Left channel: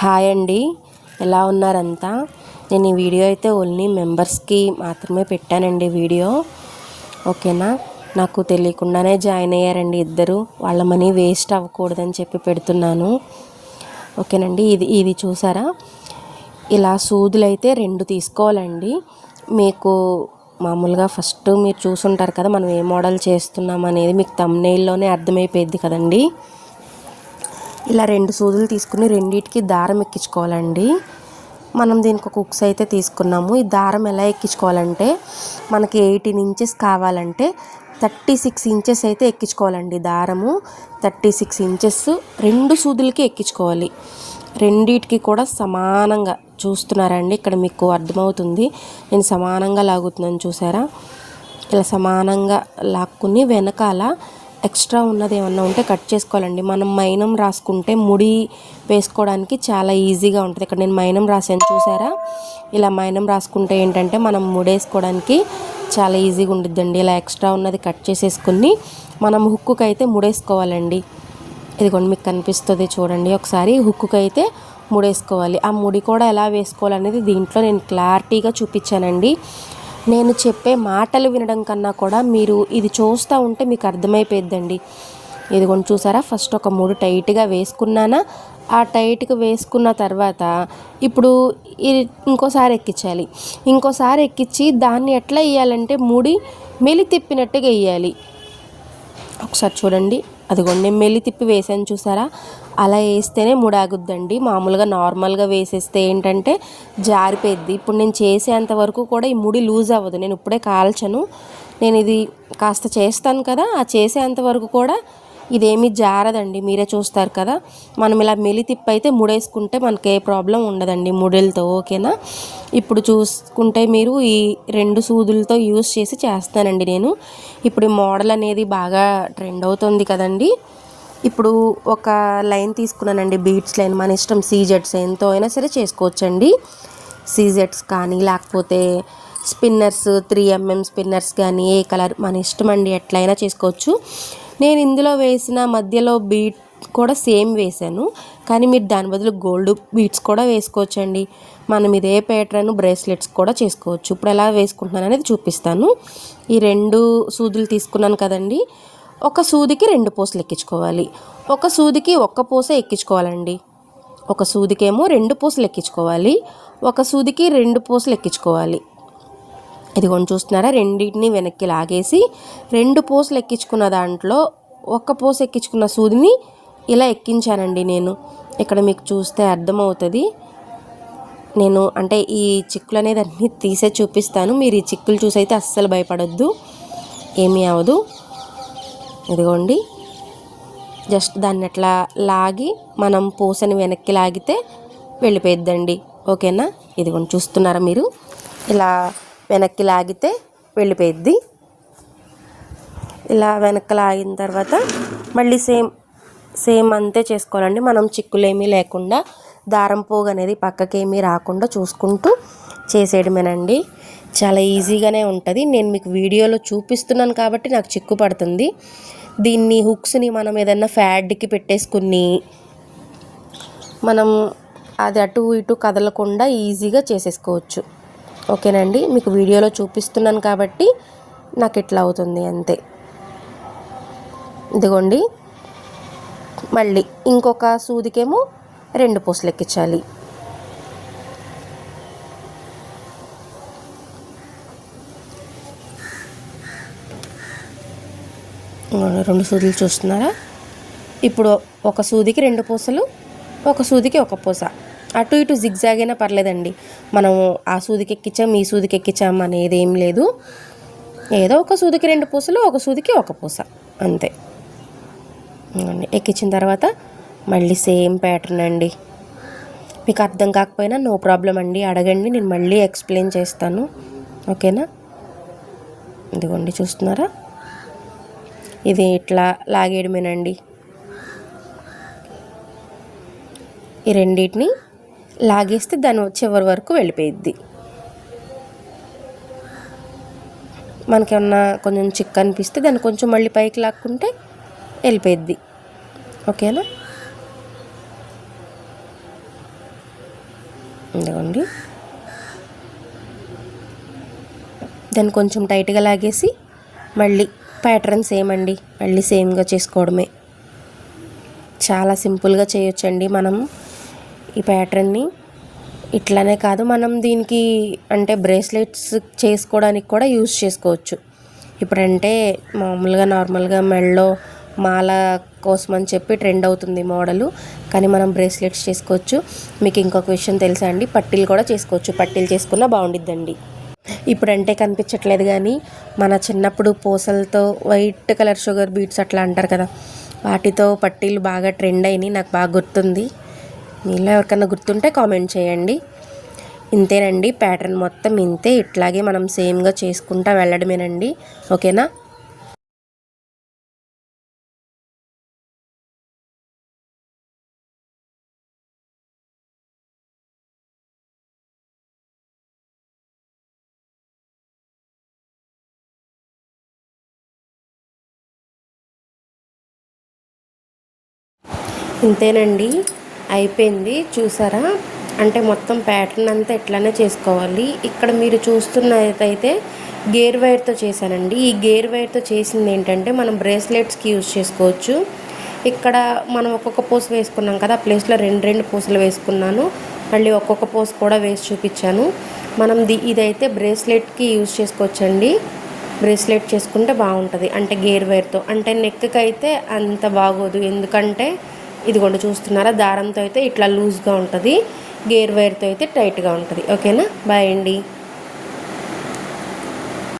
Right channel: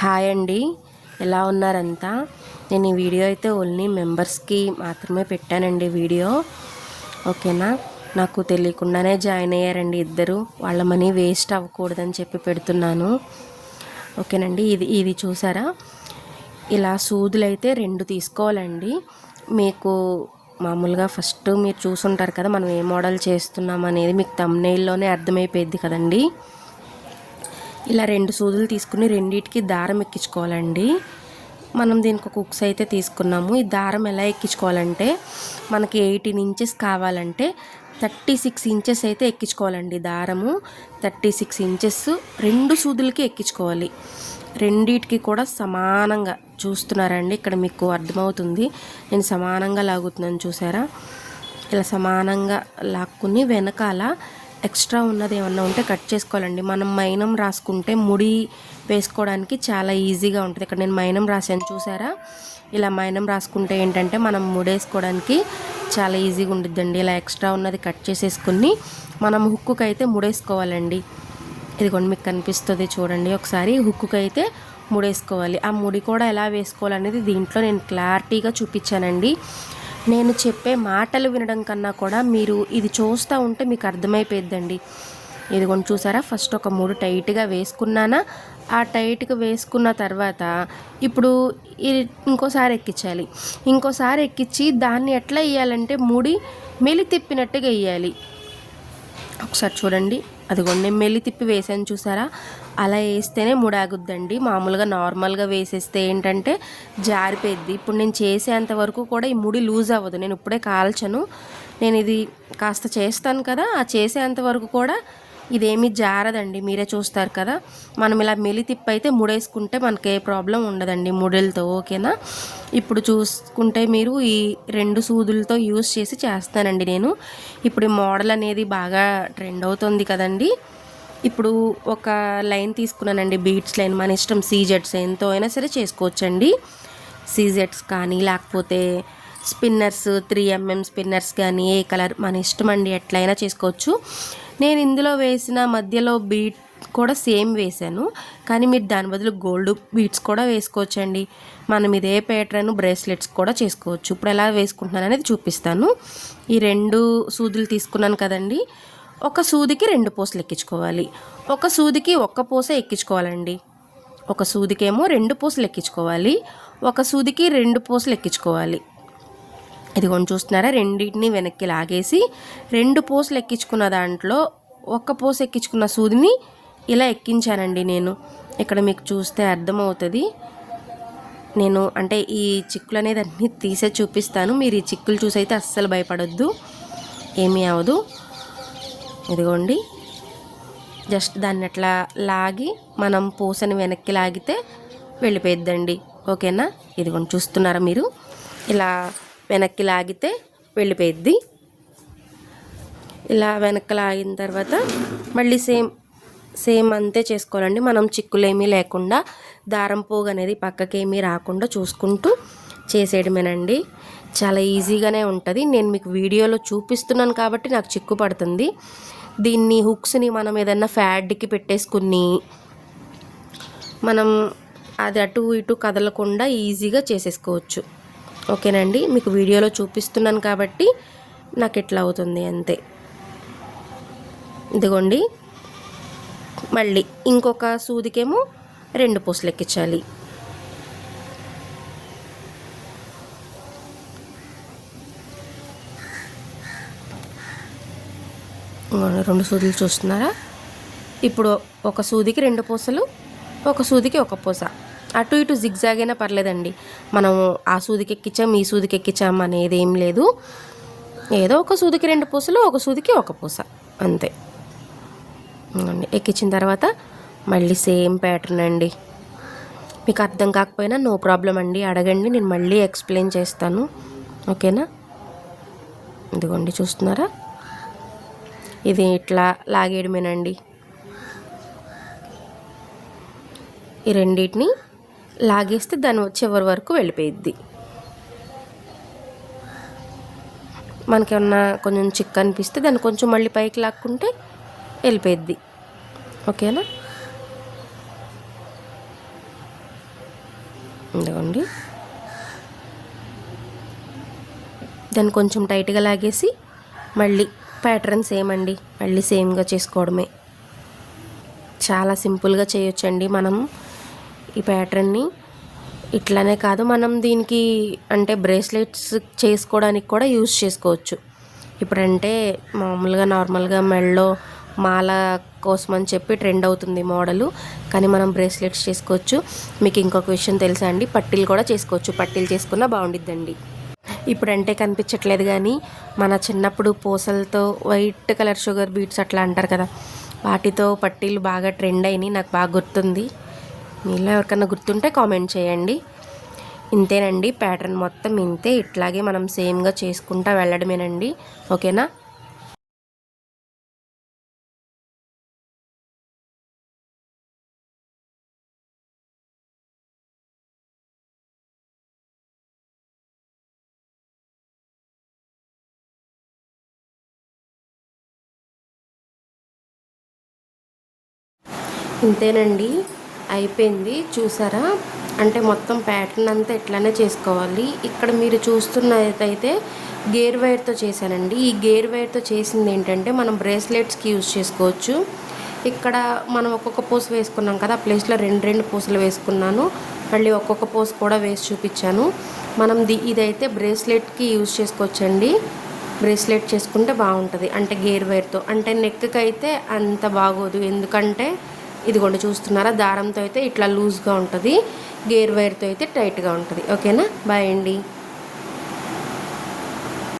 Hi అండి, ఎలా ఉన్నారంతా? నేను ఈ వీడియో అయితే ఓన్లీ మెంబర్స్కి మాత్రమే పెట్టానండి వీడియో. ఓకేనా? నాకు తెలియకుండానే జాయిన్ అయ్యారండి ఇద్దరు. వాళ్ళ మనీ వేస్ట్ అవ్వకూడదని చెప్పి పెడుతున్నాను. ఓకేనండి. ఇది చూసారా? ఇలా సూదులు అయితే 2 తీసుకోవాలండి. మీకు మామూలుగా ఫస్ట్ మీరు చూసుంటారు కదా, మనం ఏ మోడల్ చేస్తున్నాం అనేది మీకు థంబ్నెయిల్లోనే అర్థమైపోయింది కదండి. ఇలా 2 సూదులు తీసుకుని రెండింటికి దారం ఎక్కించుకోవాలండి. మనం దీనికి ఒక హుక్స్ అయితే తీసుకున్నాము. ఈ దారం ఎలా ఎక్కించుకోవాలంటే, మనకి 18 ఇంచెస్ కావాలంటే 36 ఇంచెస్ అయితే ఎక్కించుకోవాలండి. దారము 36 ఇంచెస్ 2 సూదులకి ఎక్కించుకోవాలి. రెండిటికి కూడా సమానంగా చూస్తున్నారండి, ఇక్కడ మీకు అర్థమవుతుంది. నేను సమానంగా లాగుతున్నాను, చూసారా? ఇలా సమానంగా లాక్కుని వెనకాల ఎక్స్ట్రా ఉన్నది ఏమన్నా ఉంటే కట్ చేసుకోవాలండి. మనం మైనం రాసుకుంటే ముడి వేసుకోవడానికి చాలా ఈజీగా ఉంటుంది. ఇక్కడ నేను మైనం రాసాను, చూసారా? ఇలా మైనం రాసుకుంటే ఏంటంటే మనం ముడేసుకోవడానికి చాలా ఈజీగా ఉండిద్దండి. ఇలా ఎక్స్ట్రా ఉన్నది కట్ చేసేసుకుని మనం హుక్కుకి అయితే ముడేసుకోవాలండి. ఇదిగోండి, మీకు కనిపిస్తుంది చూడండి ఒకసారి. హుక్కుకి అయితే ముడేసుకోవాలి. ఆ ముడి కూడా ఎలా వేసుకోవాలనేది దీంట్లో నేను క్లారిటీగా చూపించానండి. నేను చెప్పే మాటలు వినడం కన్నా కూడా మీరు ఇది చూస్తూ ఉంటే మీకు అర్థమైపోద్దండి. ఇదిగోండి, చూసారా? ఫస్ట్ ఒక 3 టైట్గా వేసుకున్నానా, ఆ టైట్గా వేసుకున్న తర్వాత ఇప్పుడు ఇంకోసారి ఎక్కించాలి. ఇంకోసారి ఎక్కించి దాన్ని ఎట్లా వేయాలంటే ముడి మెలి తిప్పినట్టుగా వేయాలి. ఒకసారి చూడండి, అదిగోండి నేను మెల్లి తిప్పి వేసాను, చూసారా? అలా వేస్తేనే ముడాగుద్దండి. మామూలుగా నార్మల్గా వేసేస్తే ఏంటంటే జారిపోయిద్ది. ఇప్పుడు నేను చేసేంత వరకు కూడా ఈ ముడి లూజ్ అవ్వదు. నేను ఇప్పుడే కాల్చను, నేను ఇది కాస్త చేస్తాను కదా, ఆ చేసేంత వరకు కూడా ఇదేమీ జారదండి. మీరే చూస్తారు కదా. మనం ఇలా మెలి తిప్పి అయితే ముడేసుకుంటే మనకి ఏ ప్రాబ్లం ఉండదండి ముడిలతో. ఓకేనా? ఇప్పుడు చూసుకుంటే మీరు ఈ 2 సూదులతో యూస్ చేసి చేస్తానండి నేను. ఇప్పుడు ఈ మోడల్ అనేది బాగా ట్రెండ్ అవుతుంది కదండి. ఇప్పుడు ఒక లైన్ తీసుకున్నానండి, బీట్స్ లైన్. మన ఇష్టం, సీజెట్స్ ఎంతో అయినా సరే చేసుకోవచ్చండి. సీజెట్స్ కానీ లేకపోతే స్పిన్నర్స్ 3mm స్పిన్నర్స్ కానీ, ఏ కలర్ మన ఇష్టం అండి, ఎట్లయినా చేసుకోవచ్చు. నేను ఇందులో వేసిన మధ్యలో బీట్ కూడా సేమ్ వేసాను, కానీ మీరు దాని బదులు గోల్డ్ బీట్స్ కూడా వేసుకోవచ్చండి. మనం ఇదే ప్యాటర్న్ బ్రేస్లెట్స్ కూడా చేసుకోవచ్చు. ఇప్పుడు ఎలా వేసుకుంటున్నాను అనేది చూపిస్తాను. ఈ 2 సూదులు తీసుకున్నాను కదండి, ఒక సూదికి 2 పూసలు ఎక్కించుకోవాలి. ఒక సూదికి 1 పూస ఎక్కించుకోవాలండి. ఒక సూదికేమో 2 పూసలు ఎక్కించుకోవాలి, ఒక సూదికి 2 పూసలు ఎక్కించుకోవాలి. ఇదిగోండి, చూస్తున్నారా? రెండింటిని వెనక్కి లాగేసి 2 పూసలు ఎక్కించుకున్న దాంట్లో 1 పూస ఎక్కించుకున్న సూదిని ఇలా ఎక్కించానండి నేను. ఇక్కడ మీకు చూస్తే అర్థమవుతుంది. నేను అంటే ఈ చిక్కులు అనేది అన్నీ తీసే చూపిస్తాను. మీరు ఈ చిక్కులు చూసి అయితే అస్సలు భయపడొద్దు, ఏమీ అవ్వదు. ఇదిగోండి, జస్ట్ దాన్ని అట్లా లాగి మనం పూసని వెనక్కి లాగితే వెళ్ళిపోయిద్దండి. ఓకేనా? ఇదిగోండి, చూస్తున్నారా మీరు? ఇలా వెనక్కి లాగితే వెళ్ళిపోయిద్ది. ఇలా వెనక్కి లాగిన తర్వాత మళ్ళీ సేమ్ అంతే చేసుకోవాలండి. మనం చిక్కులేమీ లేకుండా, దారం పోగు అనేది పక్కకేమీ రాకుండా చూసుకుంటూ చేసేయడమేనండి. చాలా ఈజీగానే ఉంటుంది. నేను మీకు వీడియోలో చూపిస్తున్నాను కాబట్టి నాకు చిక్కు పడుతుంది. దీన్ని హుక్స్ని మనం ఏదైనా ఫ్యాడ్కి పెట్టేసుకుని మనం అది అటు ఇటు కదలకుండా ఈజీగా చేసేసుకోవచ్చు. ఓకేనండి? మీకు వీడియోలో చూపిస్తున్నాను కాబట్టి నాకు ఇట్లా అవుతుంది అంతే. ఇదిగోండి, మళ్ళీ ఇంకొక సూదికేమో 2 పూసలు ఎక్కించాలి. రెండు సూదులు చూస్తున్నారా? ఇప్పుడు ఒక సూదికి 2 పూసలు, ఒక సూదికి 1 పూస. అటు ఇటు జిగ్జాగ్ అయినా పర్లేదండి. మనం ఆ సూదికి ఎక్కించాం, ఈ సూదికి ఎక్కించాం అనేది ఏం లేదు. ఏదో ఒక సూదికి 2 పూసలు, ఒక సూదికి 1 పూస, అంతే. ఎక్కించిన తర్వాత మళ్ళీ సేమ్ ప్యాటర్న్ అండి. మీకు అర్థం కాకపోయినా నో ప్రాబ్లం అండి, అడగండి, నేను మళ్ళీ ఎక్స్ప్లెయిన్ చేస్తాను. ఓకేనా? ఇదిగోండి, చూస్తున్నారా? ఇది ఇట్లా లాగేయడమేనండి. ఈ రెండింటిని లాగేస్తే దాని చివరి వరకు వెళ్ళిపోయిద్ది. మనకేమన్నా కొంచెం చిక్కు అనిపిస్తే దాన్ని కొంచెం మళ్ళీ పైకి లాక్కుంటే వెళ్ళిపోయిద్ది. ఓకేనా? ఇదిగోండి. దాన్ని కొంచెం టైట్గా లాగేసి మళ్ళీ ప్యాటర్న్ సేమ్ అండి, మళ్ళీ సేమ్గా చేసుకోవడమే. చాలా సింపుల్గా చేయొచ్చండి మనం ఈ ప్యాటర్న్ని. ఇట్లానే కాదు, మనం దీనికి అంటే బ్రేస్లెట్స్ చేసుకోవడానికి కూడా యూజ్ చేసుకోవచ్చు. ఇప్పుడంటే మామూలుగా నార్మల్గా మెడలో మాల కోసం అని చెప్పి ట్రెండ్ అవుతుంది మోడలు, కానీ మనం బ్రేస్లెట్స్ చేసుకోవచ్చు. మీకు ఇంకొక విషయం తెలుసా అండి, పట్టీలు కూడా చేసుకోవచ్చు. పట్టీలు చేసుకున్నా బాగుండిద్దండి. ఇప్పుడంటే కనిపించట్లేదు కానీ మన చిన్నప్పుడు పూసలతో వైట్ కలర్ షుగర్ బీట్స్ అట్లా అంటారు కదా, వాటితో పట్టీలు బాగా ట్రెండ్ అయినాయి. నాకు బాగా గుర్తుంది. మీలో ఎవరికన్నా గుర్తుంటే కామెంట్ చేయండి. ఇంతేనండి, ప్యాటర్న్ మొత్తం ఇంతే. ఇట్లాగే మనం సేమ్గా చేసుకుంటా వెళ్ళడమేనండి. ఓకేనా? ఇంతేనండి, అయిపోయింది. చూసారా? అంటే మొత్తం ప్యాటర్న్ అంతా ఇట్లానే చేసుకోవాలి. ఇక్కడ మీరు చూస్తున్నదైతే గేర్ వైర్తో చేశానండి. ఈ గేర్ వైర్తో చేసింది ఏంటంటే మనం బ్రేస్లెట్స్కి యూజ్ చేసుకోవచ్చు. ఇక్కడ మనం ఒక్కొక్క పూస వేసుకున్నాం కదా, ప్లేస్లో రెండు పూసలు వేసుకున్నాను. మళ్ళీ ఒక్కొక్క పూస కూడా వేసి చూపించాను. మనం ఇదైతే బ్రేస్లెట్కి యూజ్ చేసుకోవచ్చండి. బ్రేస్లెట్ చేసుకుంటే బాగుంటుంది, అంటే గేర్ వైర్తో. అంటే నెక్కి అయితే అంత బాగోదు, ఎందుకంటే ఇదిగోండి చూస్తున్నారా, దారంతో అయితే ఇట్లా లూజ్గా ఉంటుంది, గేర్ వైర్తో అయితే టైట్గా ఉంటుంది. ఓకేనా? బాయ్ అండి.